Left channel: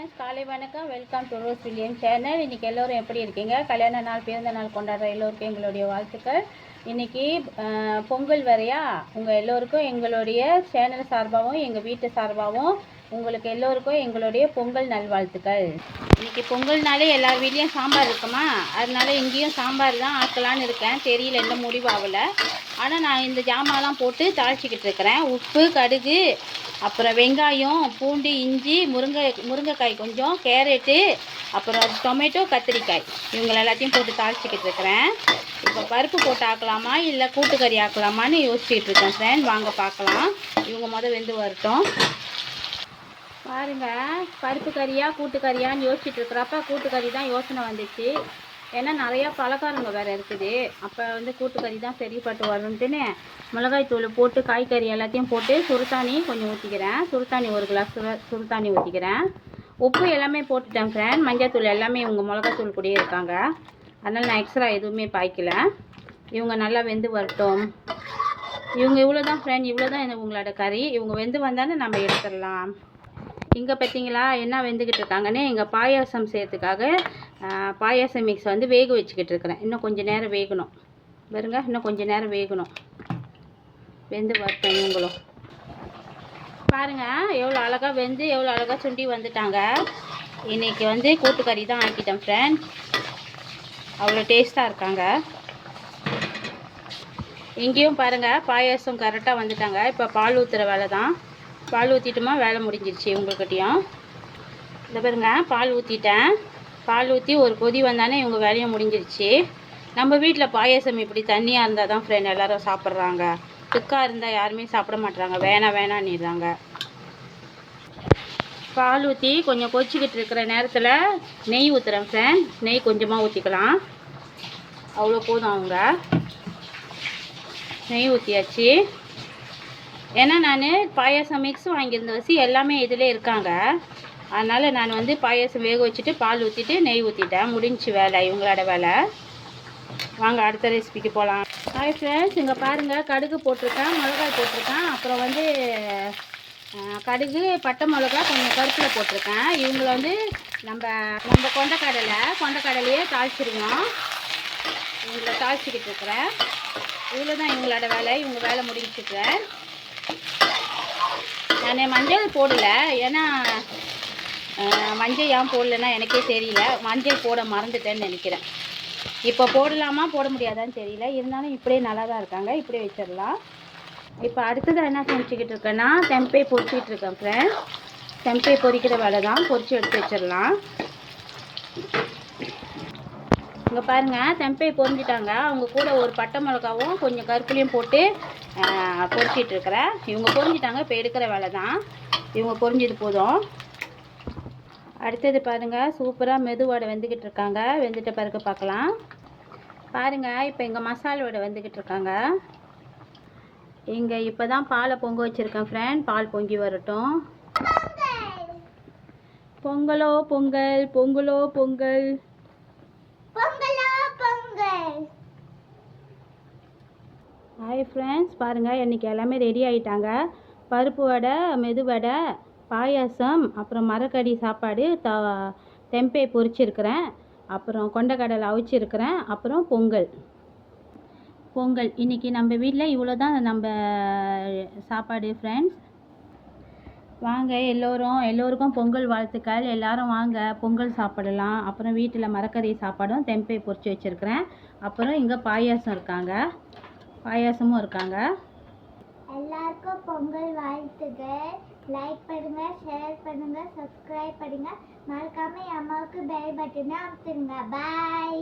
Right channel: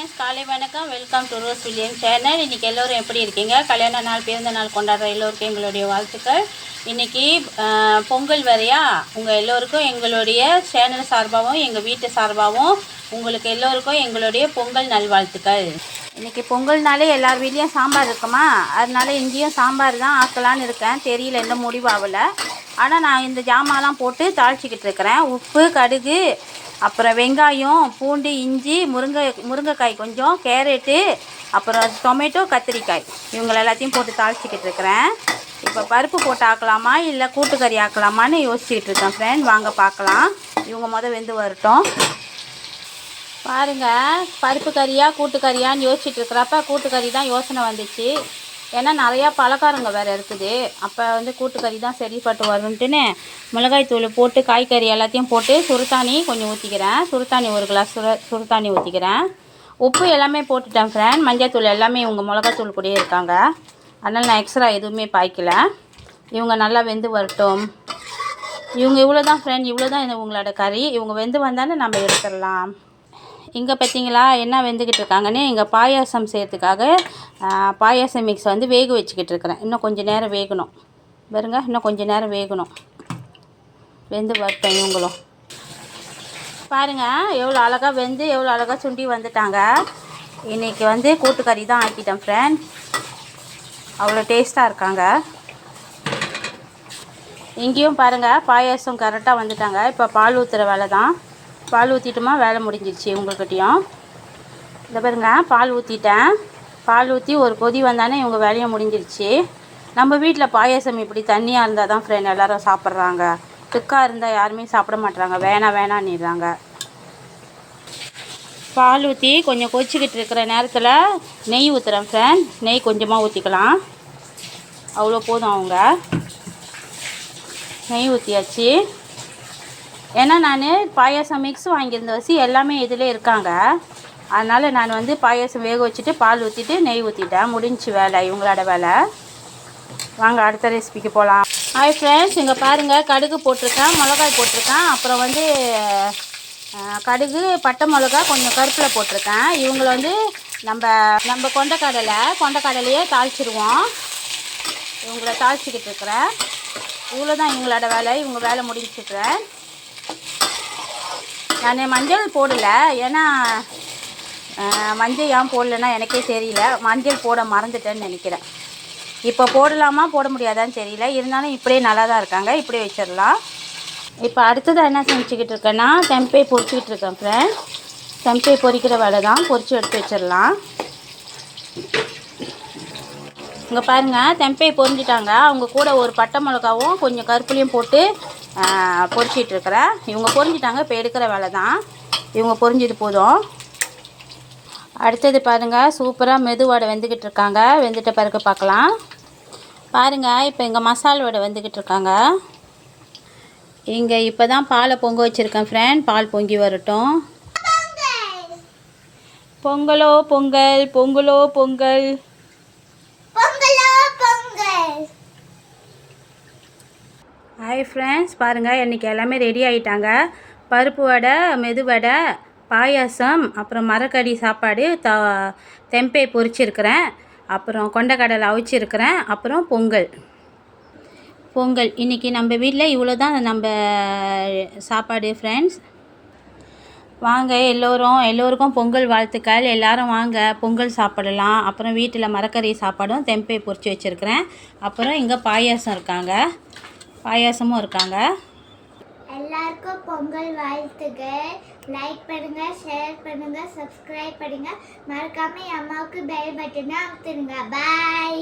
காலை வணக்கம். Welcome to rose William channel. இன்றைக்கி எல்லோரும் எப்படி இருக்கீங்க? கல்யாண நாள் பிறந்த நாள் கொண்டாடுற எல்லோருக்கும் எங்களுடைய வாழ்த்துக்கள். இன்றைக்கி பொங்கல் வரையா உங்கள் எல்லோருக்கும் எங்களுடைய சேனல் சார்பாகவும் எங்கள் வீட்டு சார்பாகவும் உங்களுக்கு எல்லோருக்கும் எங்களுடைய பொங்கல் நல்வாழ்த்துக்கள். இன்றைக்கி பொங்கல்னாலே எல்லார் வீட்லேயும் சாம்பார் இருக்குமா, அதனால இங்கேயும் சாம்பார் தான் ஆக்கலான்னு இருக்கேன். தெரியல, இன்னும் முடிவாகலை. ஆனால் நான் இந்த ஜாமான்லாம் போட்டு தாளிச்சிக்கிட்டு இருக்கிறேன். உப்பு, கடுகு, அப்புறம் வெங்காயம், பூண்டு, இஞ்சி, முருங்கைக்காய் கொஞ்சம், கேரட்டு, அப்புறம் டொமேட்டோ, கத்திரிக்காய், இவங்களை எல்லாத்தையும் போட்டு தாளிச்சிக்கிட்டு இருக்கிறேன். இப்போ பருப்பு போட்டு ஆக்கலாமா இல்லை கூட்டுக்கறி ஆக்கலாமான்னு யோசிச்சுக்கிட்டு இருக்கேன் ஃப்ரெண்ட். வாங்க பார்க்கலாம். இவங்க வெந்து வரட்டும். பாருங்கள், பருப்பு கறியாக கூட்டுக்கறியான்னு யோசிச்சுட்டு இருக்கிறப்ப கூட்டுக்கறி தான் யோசனை வந்துச்சு. ஏன்னா நிறையா பலகாரங்க வேறு இருக்குது. அப்போ கூட்டுக்கறி தான் சரிப்பட்டு வரும்ன்ட்டுன்னு மிளகாய் தூள் போட்டு காய்கறி எல்லாத்தையும் போட்டு சுருத்தாணி கொஞ்சம் ஊற்றிக்கிறேன். சுருத்தாணி ஒரு கிளாஸ் சுருத்தாணி ஊற்றிக்கிறேன். உப்பு எல்லாமே போட்டுட்டேன் ஃப்ரெண்ட். மஞ்சள் தூள் எல்லாமே இவங்க மிளகாத்தூள் கூடயே இருக்காங்க. அதனால் நான் எக்ஸ்ட்ரா எதுவுமே பாய்க்கல. இவங்க நல்லா வெந்து வரட்டும். இவங்க இவ்வளோ தான் ஃப்ரெண்ட், இவ்வளோ தான் இவங்களோட கறி. இவங்க வெந்து வந்தானே நம்ம எடுத்துடலாம். இங்கே பார்த்தீங்களா என்ன வெந்துக்கிட்டு இருக்காங்கன்னு. இங்கே பாயாசம் செய்கிறதுக்காக பாயாசம் மிக்ஸ் வேக வச்சுக்கிட்டு இருக்கிறேன். இன்னும் கொஞ்சம் நேரம் வேகணும். பாருங்க, இன்னும் கொஞ்சம் நேரம் வேகணும். வெந்து வரட்டும். இவங்களும் பாருங்கள் எவ்வளோ அழகாக வெந்து எவ்வளோ அழகாக சுண்டி வந்துட்டாங்க. இன்றைக்கி கூட்டுக்கறி தான் ஆக்கிட்டேன் ஃப்ரெண்ட். அவ்வளோ டேஸ்ட்டாக இருக்காங்க. இங்கேயும் பாருங்கள் பாயாசம் கரெக்டாக வந்துட்டாங்க. இப்போ பால் ஊற்றுற வேலை தான். பால் ஊற்றிட்டுமா வேலை முடிஞ்சிடுச்சு. இவங்கக்கிட்டையும் இந்த பாருங்க பால் ஊற்றிட்டேன். பால் ஊற்றி ஒரு கொதி வந்தானே இவங்க வேலையை முடிஞ்சிடுச்சு. நம்ம வீட்டில் பாயாசம் இப்படி தண்ணியாக இருந்தால் தான் ஃப்ரெண்ட் எல்லோரும் சாப்பிட்றாங்க. திக்காக இருந்தால் யாருமே சாப்பிட மாட்றாங்க. வேணான்னுறாங்க. பால் ஊற்றி கொஞ்சம் கொச்சிக்கிட்டு இருக்கிற நேரத்தில் நெய் ஊற்றுறேன் ஃப்ரெண்ட். நெய் கொஞ்சமாக ஊற்றிக்கலாம். அவ்வளோ போதும். அவங்க நெய் ஊற்றியாச்சு. ஏன்னா நான் பாயாசம் மிக்ஸ் வாங்கியிருந்த வச்சு எல்லாமே இதில் இருக்காங்க. அதனால் நான் பாயாசம் வேக வச்சுட்டு பால் ஊற்றிட்டு நெய் ஊற்றிட்டேன். முடிஞ்சு வேலை, இவங்களோட வேலை. வாங்க அடுத்த ரெசிபிக்கு போகலாம். ஹாய் ஃப்ரெண்ட்ஸ், இங்கே பாருங்கள் கடுகு போட்டிருக்கேன், மிளகாய் போட்டிருக்கேன், அப்புறம் கடுகு, பட்டை மிளகா, கொஞ்சம் கருப்பில் போட்டிருக்கேன். இவங்களை நம்ம கொண்டக்கடலையே தாளிச்சிடுவோம். இவங்கள தாளிச்சிக்கிட்டு இருக்கிறேன். இவ்வளோ தான் இவங்களோட வேலை. இவங்க வேலை முடிச்சுக்கிறேன். நான் மஞ்சள் போடலை. ஏன்னா மஞ்சள் ஏன் போடலைன்னா எனக்கே தெரியல. மஞ்சள் போட மறந்துட்டேன்னு நினைக்கிறேன். இப்போ போடலாமா போட முடியாதான்னு தெரியல. இருந்தாலும் இப்படியே நல்லா தான் இருக்காங்க. இப்படியே வச்சிடலாம். இப்போ அடுத்தது என்ன செஞ்சுக்கிட்டு இருக்கேன்னா தெம்பை பொரிச்சிக்கிட்டு இருக்கேன் ஃப்ரெண்ட். தெம்பை பொரிக்கிற வேலை தான். பொரித்து எடுத்து வச்சிடலாம். இங்கே பாருங்கள் தெம்பை பொரிஞ்சிட்டாங்க. அவங்க கூட ஒரு பட்டை மிளகாவும் கொஞ்சம் கருப்புலையும் போட்டு பொரிச்சிட்ருக்கிறேன். இவங்க பொரிஞ்சிட்டாங்க. இப்போ எடுக்கிற வேலை தான். இவங்க பொரிஞ்சது போதும். அடுத்தது பாருங்கள் சூப்பராக மெதுவடை வெந்துக்கிட்டு இருக்காங்க. வெந்துட்ட பிறகு பார்க்கலாம். பாருங்கள் இப்போ எங்கள் மசால் வடை வெந்துக்கிட்டு இருக்காங்க. இங்கே இப்போ தான் பாலை பொங்க வச்சுருக்கேன் ஃப்ரெண்ட். பால் பொங்கி வரட்டும். பொங்கலோ பொங்கல், பொங்கலோ பொங்கல். ஹாய் ஃப்ரெண்ட்ஸ், பாருங்கள் இன்றைக்கி எல்லாமே ரெடி ஆகிட்டாங்க. பருப்பு வடை, மெதுவடை, பாயாசம், அப்புறம் மரக்கறி சாப்பாடு, தெம்பை பொரிச்சிருக்கிறேன், அப்புறம் கொண்டக்கடலை அவிச்சிருக்கிறேன், அப்புறம் பொங்கல். இன்றைக்கி நம்ம வீட்டில் இவ்வளோ தான் நம்ம சாப்பாடு ஃப்ரெண்ட்ஸ். வாங்க எல்லோருக்கும் பொங்கல் வாழ்த்துக்கள். எல்லோரும் வாங்க பொங்கல் சாப்பிடலாம். அப்புறம் வீட்டில் மரக்கறி சாப்பாடும் தெம்பை பொரிச்சு வச்சுருக்கிறேன். அப்புறம் இங்கே பாயாசமும் இருக்காங்க. எல்லாருக்கும் பொங்கல் வாழ்த்துக்கள். லைக் பண்ணுங்கள், ஷேர் பண்ணுங்கள், சப்ஸ்கிரைப் பண்ணுங்கள். மறக்காமல் என் அம்மாவுக்கு பெல் பட்டனை அமுத்துருங்க. பாய்.